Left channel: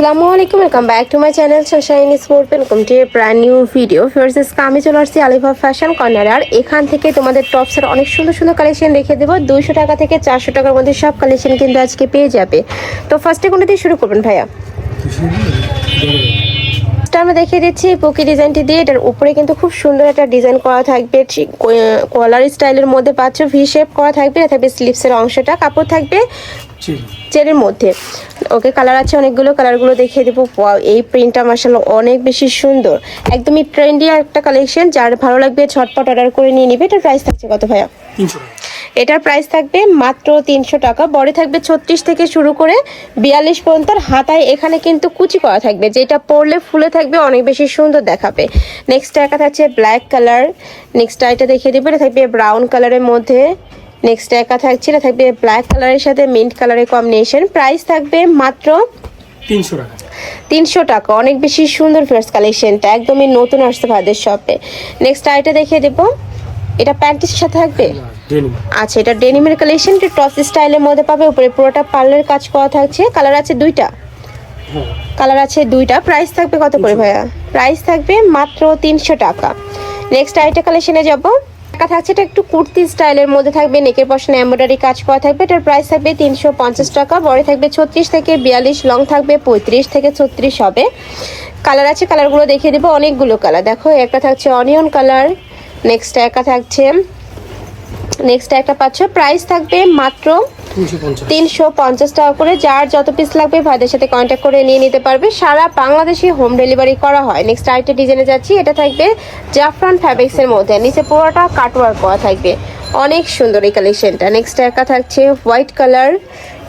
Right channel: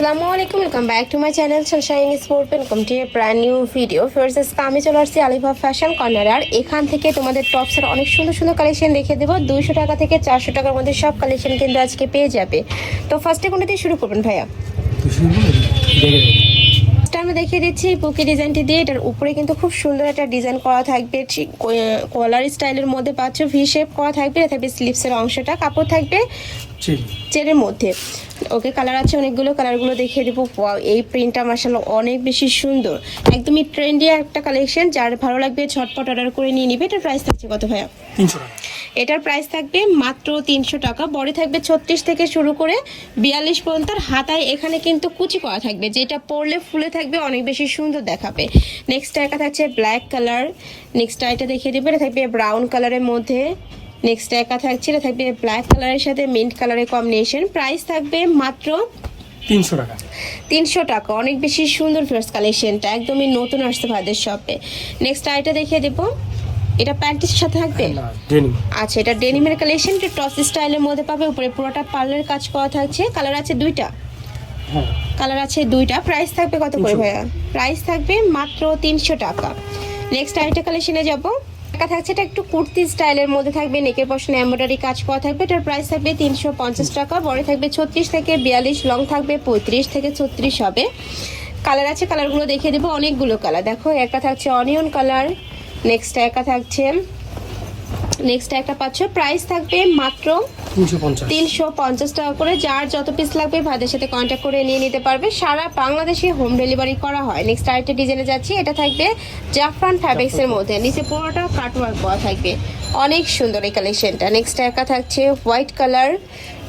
আসসালামু আলাইকুম welcome back to my channel Sunshine Sport welcome to brand new video first আমি চলে আসছি আলিভা ফ্যাশন কর্নার আর এখান থেকে তোমাদের টপসের অনেক সুন্দর সুন্দর কালেকশন রেখে দেবো। দুশো টাকা থেকে চারশো টাকার মধ্যে সব কালেকশন কিন্তু আজকে পেয়ে যাবে। তো ফার্স্টে কোনটা দিয়ে শুরু করবেন ভাইয়া? আমরা দেখিয়ে দিচ্ছি পোকি ডিজাইনটি দিয়ে। এটার উপরে কিন্তু খুব সুন্দর একটা ডিজাইন করা থাকবে। কলার স্টাইলের মধ্যে পাচ্ছ ভি শেপ করা থাকবে থাকবে স্লিপসের অংশটা কাপড় থাকবে। চেনের মধ্যে। ওকে কালার আছে অনেকগুলো কালারগুলো দেখিয়ে দেবো। এই প্রিন্টটা মার্শাল্লাহ অনেক বেশি সুন্দর। একদমই ট্রেন্ডি একটা কালেকশন যার ভালো লাগবে ছটপট অর্ডার করে নিয়ে নিবে। এটার প্রাইস থাকছে কত ভাইয়া? এটার প্রাইস থাকবে মাত্র তিনশো টাকা। বড় থাকবে ছত্রিশ থেকে শুরু করে বিয়াল্লিশ পর্যন্ত। হাতায় এখানে কিন্তু কুচি করা থাকবে। যেটা পরলে ফুলে থাকবে অনেক বেশি সুন্দর দেখাবে। নেক্সট একা থাকছে ব্ল্যাক কালার নেক্সট এটা দেখিয়ে দিবে। এটা থাকবে ব্রাউন কালারের মধ্যে। নেক্সট একা থাকছে এটা থাকবে ব্ল্যাক কালারের সাথে মিন্ট কালারের কম্বিনেশন প্রাইস থাকবে মাত্র তিনশো টাকা। তিনশো টাকা। অনেক বেশি সুন্দর ফ্রেশ কালেকশনটা একদমই নতুন আসতে ভাদের শপে নেক্সট আইটা দেখিয়ে দেবো। এটা প্যান্টিসের সাথে থাকবে? আচ্ছা এটা ডেনিমের কালেকশন এটা টস স্টাইলের মধ্যে পাবে। উপরে পুরোটা পার্লের কাজ করা থাকছে। কালার আছে দুইটা। হ্যাঁ। কালার আছে দুইটা। প্রাইস থাকবে কত করে ভাইয়া? প্রাইস থাকবে মাত্র তিনশো টাকা। নেক্সট আইটা কালেকশনে যাব। টাকা থাকছে, এটা একটু কুর্তি স্টাইলের মধ্যে থাকবে নেকের পশনে এমব্রয়ডারি কাজ করা থাকবে, এটার প্রাইস থাকবে তিনশো পঞ্চাশ টাকা, বড় থাকবে ছত্রিশ থেকে বিয়াল্লিশ লং থাকবে পঁয়ত্রিশ থেকে ছত্রিশ হবে। কালার আছে কালারগুলো দেখিয়ে দেবো, অনেকগুলো কালার দেখো, একটা থাকছে অনিয়ন কালার নেক্সট একা থাকছে নেক্সট একটা পাচ্ছ প্রাইস থাকবে মাত্র তিনশো পঞ্চাশ। টাকা করে যার যত পিস লাগবে ভাইদের সাথে কন্ট্যাক্ট করে নিয়ে নিতে পারবে। সারা বাংলাদেশে হোম ডেলিভারি করা হয়। নেক্সট আরেকটা ডিজাইনে যাচ্ছি এটা থাকবে জাফরান ফ্যাব্রিক্স এর মধ্যে। নিচে পুরোটা কাটওয়ার্ক করা থাকবে। অনেক সুন্দর এই কালেকশনটা নেক্সট একা থাকছে হোয়াইট কালার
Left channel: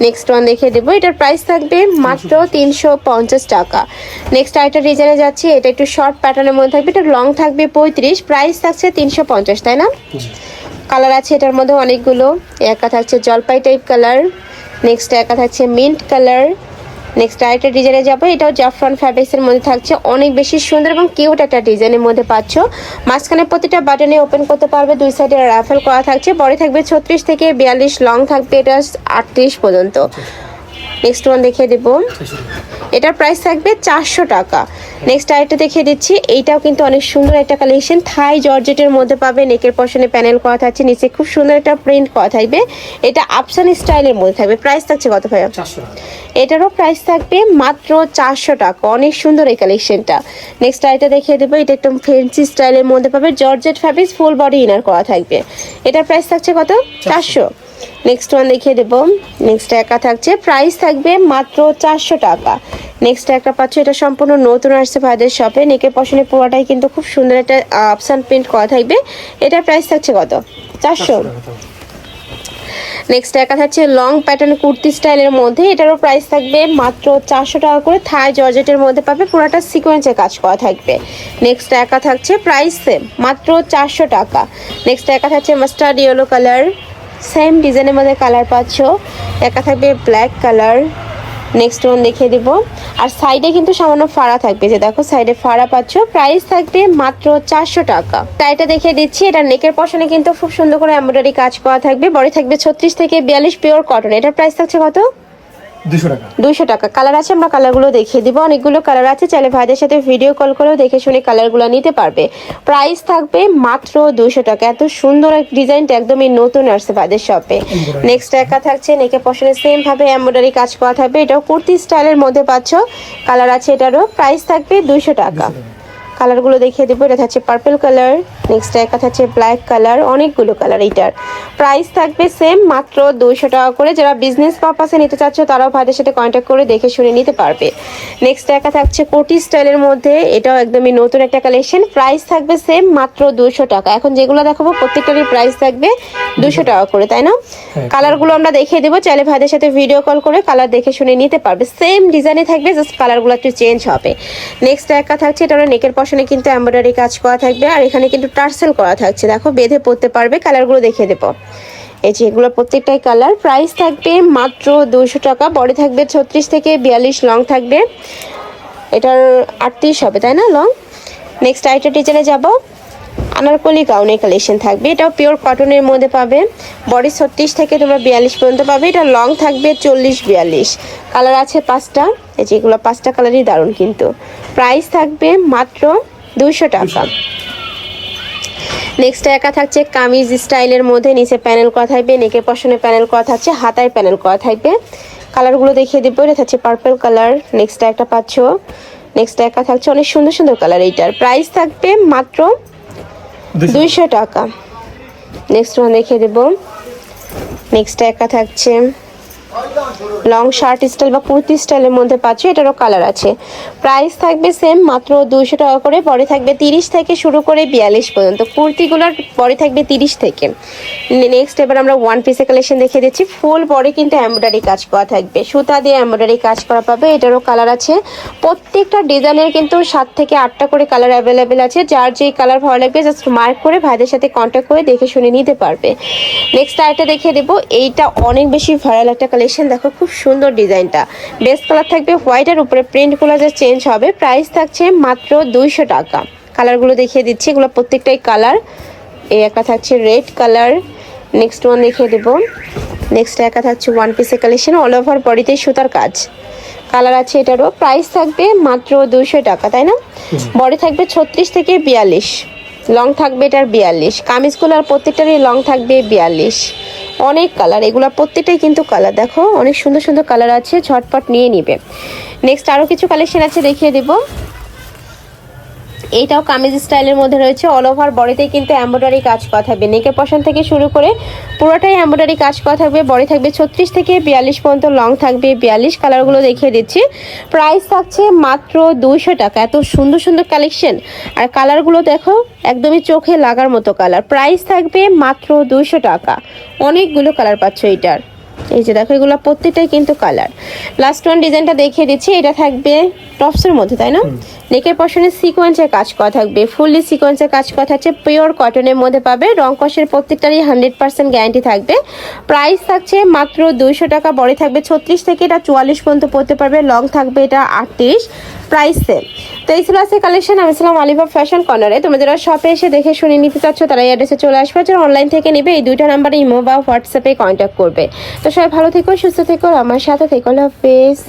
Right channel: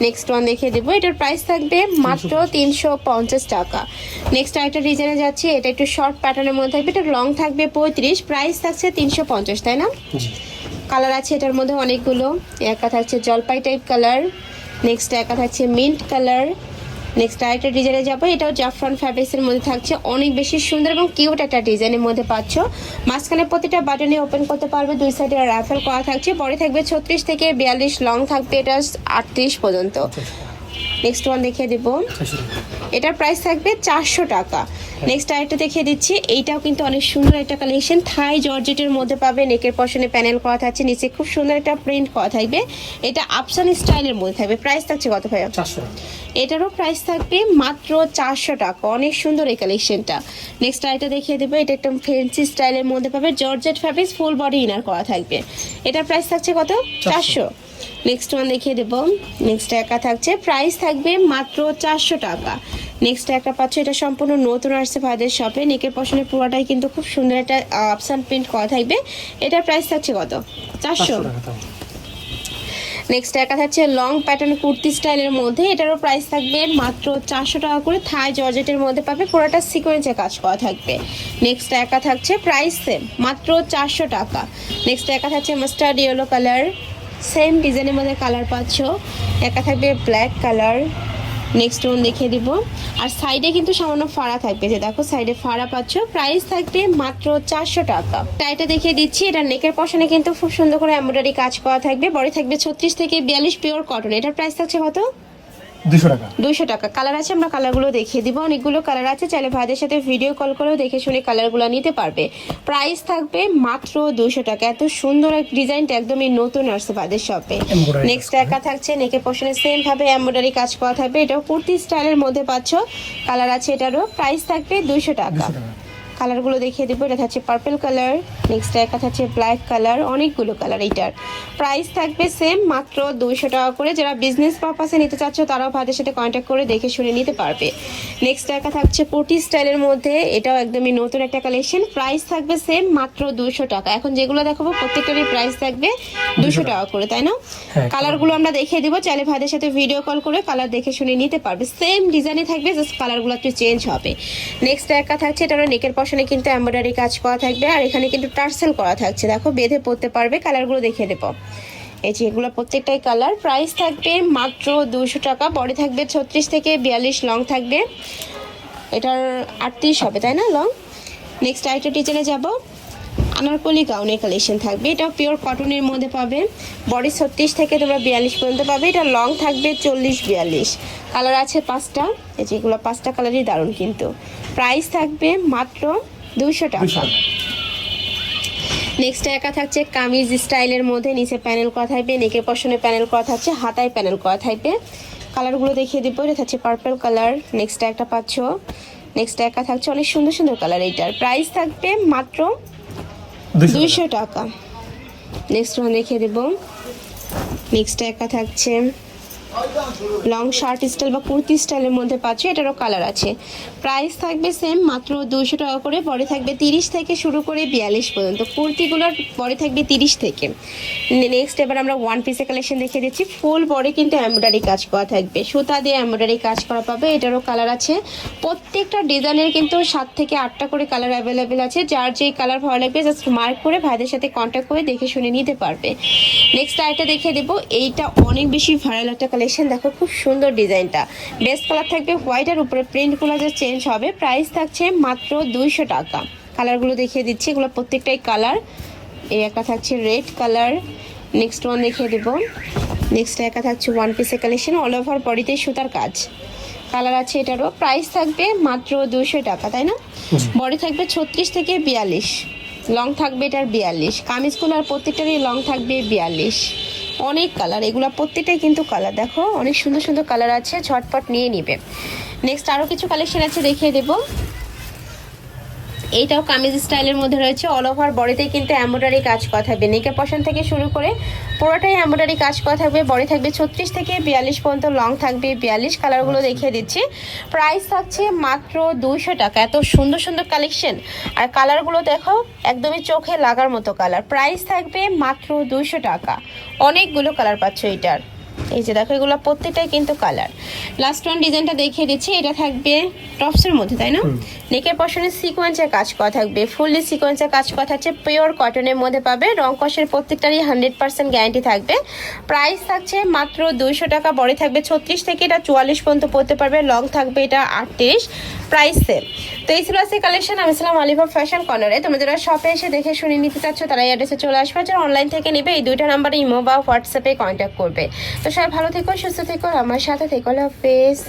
নেক্সট ওয়ান দেখিয়ে দেবো। এটার প্রাইস থাকবে মাত্র তিনশো পঞ্চাশ টাকা। নেক্সট আরেকটা ডিজাইনে যাচ্ছি এটা একটু শর্ট প্যাটার্নের মধ্যে থাকবে। এটা লং থাকবে পঁয়ত্রিশ প্রাইস থাকছে তিনশো পঞ্চাশ তাই না? কালার আছে এটার মধ্যে অনেকগুলো। একা থাকছে জলপাই টাইপ কালার নেক্সট একা থাকছে মিন্ট কালার নেক্সট আরেকটা ডিজাইনে যাব, এটাও জাফরান ফ্যাব্রিক্স এর মধ্যে থাকছে, অনেক বেশি সুন্দর এবং কিউট একটা ডিজাইনের মধ্যে পাচ্ছ। মাঝখানে প্রতিটা বাটনে ওপেন করতে পারবে, দুই সাইডে রাফেল করা থাকছে, পরে থাকবে ছত্রিশ থেকে বিয়াল্লিশ লং থাকবে এটা আটত্রিশ পর্যন্ত। নেক্সট ওয়ান দেখিয়ে দেব। এটার প্রাইস থাকবে চারশো টাকা। নেক্সট আরেকটা দেখিয়ে দিচ্ছি। এইটাও কিন্তু অনেক সুন্দর একটা কালেকশন থাই জর্জেটের মধ্যে পাবে। নেকের পশনে প্যানেল করা থাকছে। নিচে খুব সুন্দর একটা প্রিন্ট করা থাকবে। এটা আপসান স্টাইলের মধ্যে থাকবে। প্রাইস থাকছে কত টাকা। এটারও প্রাইস থাকবে মাত্র চারশো টাকা। অনেক সুন্দর এই কালেকশনটা নেক্সট আরেকটা দেখিয়ে দেবো। এটা একদম ফেন্সি স্টাইলের মধ্যে পাবে। Georgette fabrics full body inner করা থাকবে। এটার প্রাইস থাকছে কত? চারশো। নেক্সট ওয়ান দেখিয়ে দেবো। নেক্সট একা থাকছে। প্রাইস থাকবে মাত্র চারশো টাকা। নেক্সট একটা পাচ্ছ। এটা সম্পূর্ণ নতুন আসছে ভাইদের শপে নেকের পশনে পুরোটাই কিন্তু খুব সুন্দর একটা অপশান প্রিন্ট করা থাকবে। এটার প্রাইস থাকছে কত? চারশো। নেক্সট দেখা যাচ্ছে লং প্যাটার্ন কুর্তি স্টাইলের মধ্যে। এটারও প্রাইস থাকবে মাত্র চারশো টাকা করে। থাই জর্জেটের মধ্যে পাবে, পুরোটা সিকোয়েন্সে কাজ করা থাকবে। নেক্সট দেখা থাকছে প্রাইস সেম মাত্র চারশো টাকা। নেক্সট দেখা থাকছে মাস্টার্ড ইয়েলো কালার সেম ডিজাইনের মধ্যে কালার পাচ্ছ। একা থাকবে ব্ল্যাক কালার নেক্সট ওয়ান দেখিয়ে দেব। আর সাইডে কিন্তু সামান্য ফাড়া থাকবে। যে দেখো সাইডে ফাড়া পাচ্ছ প্রাইস থাকবে মাত্র চারশো টাকা। টাইটা দেখিয়ে দিচ্ছি, এটা নেকের পশনে কিন্তু খুব সুন্দর করে এমব্রয়ডারি কাজ করা থাকবে। বডি থাকবে ছত্রিশ থেকে বিয়াল্লিশ পিওর কটন এটার প্রাইস থাকছে কত? দুশো টাকা। কালার আছে আমরা কালারগুলো দেখিয়ে দিব। অনেকগুলো কালার আছে। চাইলে ভাইদের সাথে ভিডিও কল করেও দেখে শুনে কালারগুলো নিতে পারবে। প্রাইস থাকবে মাত্র দুশো টাকা। এত সুন্দর এক ডিজাইনটা একদমই নতুন আসছে ভাইদের শপে নেক্সট একা থাকছে নেকে পশনে সেম ভাবে এমব্রয়ডারি কাজ করা থাকবে। এটাও কুর্তি স্টাইলের মধ্যে পাচ্ছ। কালার আছে এটারও। প্রাইস থাকবে দুইশো টাকা। কালারগুলো দেখিয়ে দেবো। এটা থাকছে পার্পল কালার নেক্সট একটা থাকছে ব্ল্যাক কালার অনেকগুলো কালার এইটার। প্রাইস থাকবে সেম মাত্র দুইশো টাকা করে। যারা বিজনেস পারপাসে নিতে চাচ্ছ তারাও ভাইদের সাথে কন্ট্যাক্ট করে দেখে শুনে নিতে পারবে। নেক্সট একটা থাকছে কোটি স্টাইলের মধ্যে। এটাও একদমই নতুন একটা কালেকশন প্রাইস থাকবে সেম মাত্র দুশো টাকা। এখন যেগুলো দেখাবো প্রত্যেকটারই প্রাইস থাকবে দুশো টাকা করে তাই না? কালারগুলো আমরা দেখিয়ে দেবো। চাইলে ভাইদের সাথে ভিডিও কল করে কালার দেখে শুনে নিতে পারবে। সেম ডিজাইনে থাকবে জাস্ট কালারগুলো একটু চেঞ্জ হবে। নেক্সট একটা থাকছে এটা নেকের পশনে কিন্তু এমব্রয়ডারি কাজ করা থাকবে। আর এখানে কিন্তু টার্সেল করা থাকছে। দেখো, বেঁধে পড়তে পারবে, কালারগুলো দেখিয়ে দেবো। এই যে এগুলো প্রত্যেকটাই কালার। প্রাইস থাকবে মাত্র দুশো টাকা, বডি থাকবে ছত্রিশ থেকে বিয়াল্লিশ, লং থাকবে। এটার আটত্রিশ হবে, তাই না, লং? নেক্সট আইটা টিচারে যাব। আনারকলি গাউনের কালেকশন থাকবে। এটাও পিওর কটনের মধ্যে পাবে। বডি ছত্রিশ থেকে তোমরা বিয়াল্লিশ পর্যন্ত পাবে। এটা লং থাকবে চল্লিশ, বিয়াল্লিশ। কালার আছে পাঁচটা। এই যে এগুলো পাঁচটা কালারই দারুণ কিন্তু। প্রাইস থাকবে মাত্র দুশো টাকা। নেক্সট একা থাকছে কামিজ স্টাইলের মধ্যে নিচে প্যানেল করা থাকবে নেকের পশনে প্যানেল করা থাকছে হাতায় প্যানেল করা থাকবে। কালারগুলো দেখিয়ে দেবো এটা থাকছে পার্পল কালার নেক্সট একটা পাচ্ছ। নেক্সট একা থাকছে অনেক সুন্দর সুন্দর কালার এইটার। প্রাইস থাকবে মাত্র দুইশো টাকা। নেক্সট ওয়ান দেখিয়ে দেবো। নেক্সট একা থাকছে। লং শার্ট স্টাইল বা কুর্তি স্টাইলের মধ্যে পাচ্ছ, এটারও কালার আছে। প্রাইস থাকবে সেম মাত্র দুশো টাকা করে, পরে থাকবে তিরিশ থেকে শুরু করে বিয়াল্লিশ পর্যন্ত। কুর্তিগুলোর পরে থাকবে তিরিশ থেকে। নেক্সট এবার আমরা ওয়ান পিসের কালেকশন দেখিয়ে দিচ্ছি। ফুল বডি কিন্তু এমব্রয়ডারি কাজ করা থাকবে। সুতা দিয়ে এমব্রয়ডারি কাজ করা পাবে, এটারও কালার আছে। প্রত্যেকটা ডিজাইনের কিন্তু সাত থেকে আটটা করে কালার অ্যাভেলেবেল আছে। যার যেই কালার ভালো লাগবে জাস্ট মার্ক করে ভাইদের সাথে কন্ট্যাক্ট করে দেখে শুনে নিতে পারবে। নেক্সট আরেকটা দেখিয়ে দেবো। এইটা অনেক বেশি ভাইরাল একটা কালেকশন দেখো, খুব সুন্দর ডিজাইনটা। বেস্ট কালার থাকবে হোয়াইটের উপরে প্রিন্টগুলো যে চেঞ্জ হবে। প্রাইস থাকছে মাত্র দুইশো টাকা। কালারগুলো দেখিয়ে দিচ্ছি। এগুলো প্রত্যেকটাই কালার এই একটা থাকছে রেড কালার নেক্সট ওয়ান দেখিয়ে দেবো। নেক্সট একা থাকছে ওয়ান পিসের কালেকশন অল ওভার বডিতে সুতার কাজ। কালার আছে এটারও। প্রাইস থাকবে মাত্র দুশো টাকা তাই না? বডি থাকবে ছত্রিশ থেকে বিয়াল্লিশ। লং থাকবে এটার বিয়াল্লিশ। কামিজগুলোর প্রত্যেকটারই লং থাকবে বিয়াল্লিশ। অনেক কালার এগুলো প্রত্যেকটাই কিন্তু কালার দেখো অনেক সুন্দর সুন্দর কালার আছে। ঝটপট নিয়ে নিবে। নেক্সট আরও কিছু কালেকশন আছে দেখিয়ে দেবো। এইটাও কামিজ স্টাইলের মধ্যে রয়েছে। অল ওভার বডিতে কিন্তু এমব্রয়ডারি কাজ করা থাকবে নেকের পশন থেকে শুরু করে পুরোটাই এমব্রয়ডারি কাজ করা থাকবে। বডি থাকবে ছত্রিশ থেকে বিয়াল্লিশ পর্যন্ত লং থাকবে। বিয়াল্লিশ কালারগুলো দেখিয়ে দিচ্ছি। প্রাইস থাকছে মাত্র দুইশো টাকা। এত সুন্দর সুন্দর কালেকশন আর কালারগুলো দেখো, একদমই চোখে লাগার মতো কালার প্রাইস থাকবে মাত্র দুইশো টাকা। অনেকগুলো কালার পাচ্ছ এটার। এই যে দেখো এগুলো প্রত্যেকটাই কিন্তু কালার লাস্ট ওয়ান ডিজাইনটা দেখিয়ে দিচ্ছি এটা থাকবে টপসের মধ্যে তাই না? নেকের পশনে সিকোয়েন্সের কাজ করা থাকবে ফুললি সিকোয়েন্সের কাজ করা থাকছে পিওর কটনের মধ্যে পাবে রং কষের প্রত্যেকটারই হান্ড্রেড পার্সেন্ট গ্যারান্টি থাকবে। প্রাইস থাকছে মাত্র দুইশো টাকা বড় থাকবে ছত্রিশ থেকে এটা চুয়াল্লিশ পর্যন্ত পড়তে পারবে লং থাকবে এটা আটত্রিশ। প্রাইস সেম তো এই ছিল আছে কালেকশন আমি ছিলাম আলিফা ফ্যাশন কর্নারে তোমরা যারা শপে এসে দেখে শুনে নিতে চাচ্ছ, তারা এই অ্যাড্রেসে চলে আসবে। যারা অনলাইন থেকে নেবে, এই দুইটা নাম্বারে ইমো বা হোয়াটসঅ্যাপে কন্ট্যাক্ট করবে। তো সবাই ভালো থেকো, সুস্থ থেকো, আমার সাথে থেকো। হাফেজ।